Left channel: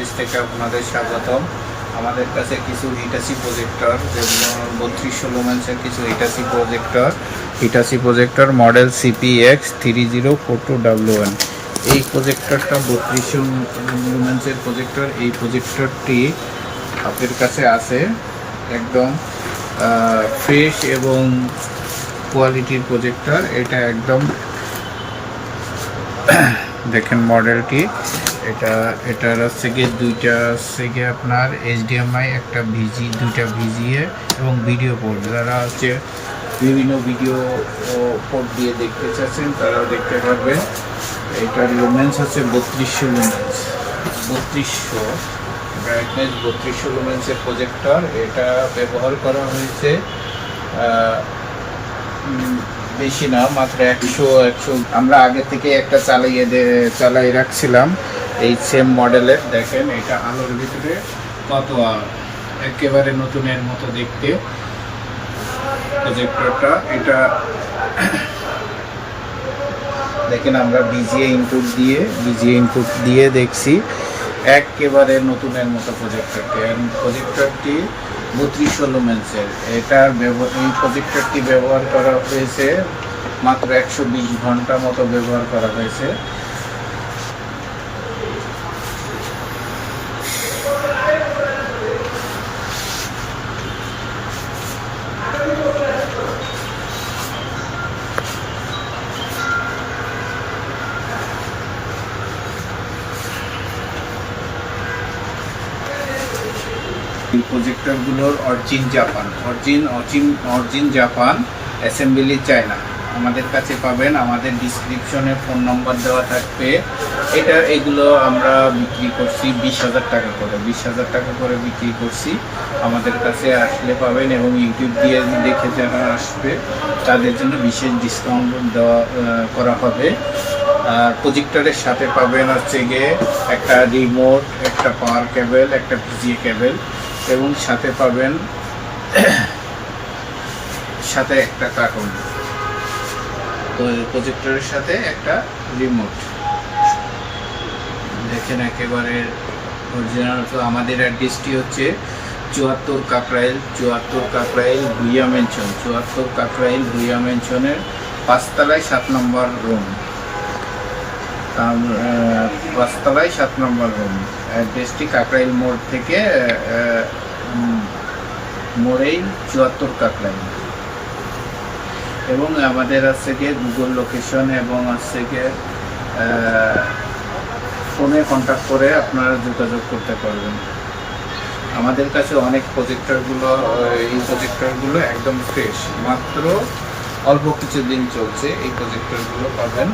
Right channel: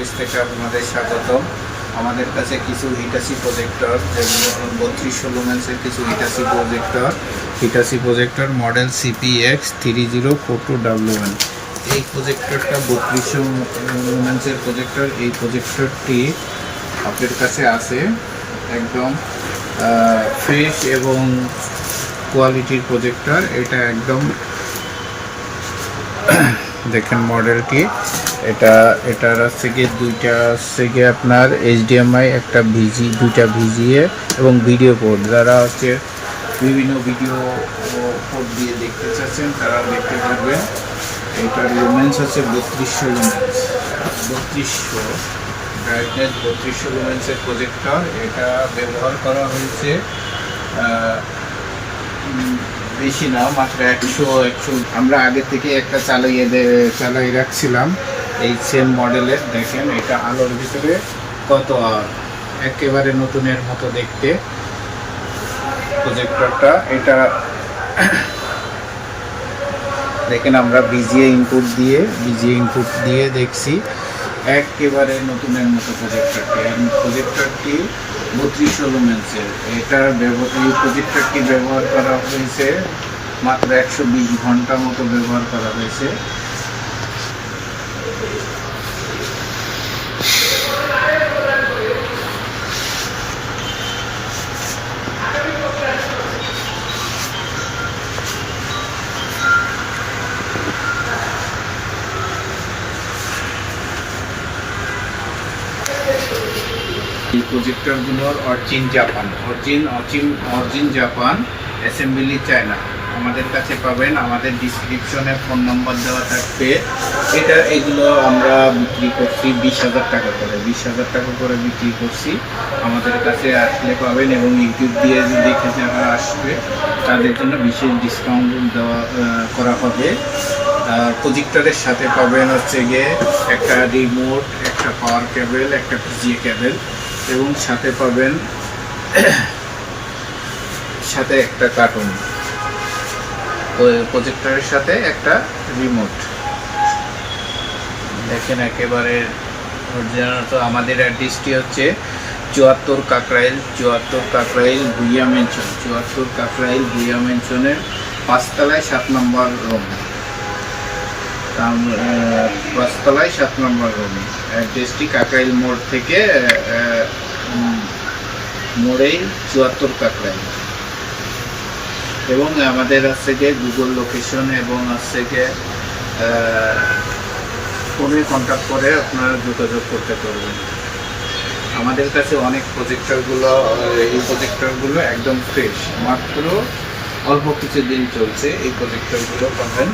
Office থেকে আপনাদের স্বাগতম। আমাদের কাছে কিছু হিটাসি প্রজেক্টর, যেমন 32 লুমেন্সের কিছু হিটাসি প্রজেক্টর মডেল CPX3042W1। এই প্রজেক্টরটা 32 লুমেন্সের প্রজেক্টর। এই প্রজেক্টরটি আপনাদের কাছে আছে একদম ফ্রেশ এবং কোয়ালিটির প্রজেক্টর। এটা একদম দেখেন মডেলটি, এটার হচ্ছে কি দুইটা হচ্ছে কি আপনার HDMI, একটা দুইটা VGA এবং ভিডিও পোর্ট। যারা হচ্ছে বিভিন্ন ভিডিও পোর্ট দিয়ে দেখতে চাচ্ছেন তারাও দেখতে পারবেন। এটার লুমেন্স হচ্ছে 3200 লুমেন্স, 3200 লুমেন্সের প্রজেক্টর। এটা ব্যবহার করা হয়েছে বেশি না, মাত্র 100। আমরা আগে থেকে একটা চালাই রাখছিলাম এই সেম মডেলের। দেখেন এটা আলোর ভিতরে কত একেবারে নতুনের মতো দেখতে প্রজেক্টরটা। এটা দেখেন আমরা ভিজিএ ইনপুট দিয়ে দেখছি একেবারে নতুনের মতো প্রজেক্টরটি 32 লুমেন্সের। এই প্রজেক্টরটি ব্যবহার করা হয়েছে মাত্র 120 ঘন্টা মতো ব্যবহার করা হয়েছে। এই প্রজেক্টরগুলোর অরিজিন জাপান, অ্যাসেম্বলি চায়না। আমাদের কাছে পাবেন, আমাদের ডিসক্রিপশনে ফোন নাম্বার দেওয়া থাকবে। এগুলো আমরা বিক্রি করছি 20,000 টাকা করে, 20,000 টাকা করে বিক্রি করছি। আমাদের কাছে আসলে পাবেন এবং ইউটিউব দিয়ে দেখে যারা আসবে তাদের জন্য বিশেষ ডিসকাউন্ট করা হবে। আর প্রজেক্টরের সাথে পাবেন হচ্ছে গিয়ে একটা রিমোট, একটা পাওয়ার কেবল, একটা VGA কেবল এবং সাথে পাবেন সাথে একটা কার্টুন। তো প্রজেক্টরের সাথে একটা রিমোট। দেখেন একেবারে অরিজিনাল। তো আমাদের অ্যাড্রেসটি হচ্ছে 74 কাকরাইল ভুইয়া মেনশন, 74 কাকরাইল ভুইয়া মেনশনের 5 তলায় 7 নম্বর রুম, 7 নম্বর রুম। অ্যাড্রেসটি কাকরাইল মোড় থেকে মোড়েই 74 কাকরাইল। এবং আমাদের হচ্ছে গিয়ে গুগল লোকেশন এবং হচ্ছে গিয়ে ফোনে কন্ট্যাক্ট করে আপনারা যোগাযোগ করতে পারবেন। আমাদের কাছে অনেক এই প্রজেক্টরগুলো একদম ফ্রেশ, মাত্র অল্প কিছু দিন চলছে। এই প্রজেক্টরগুলো পাবেন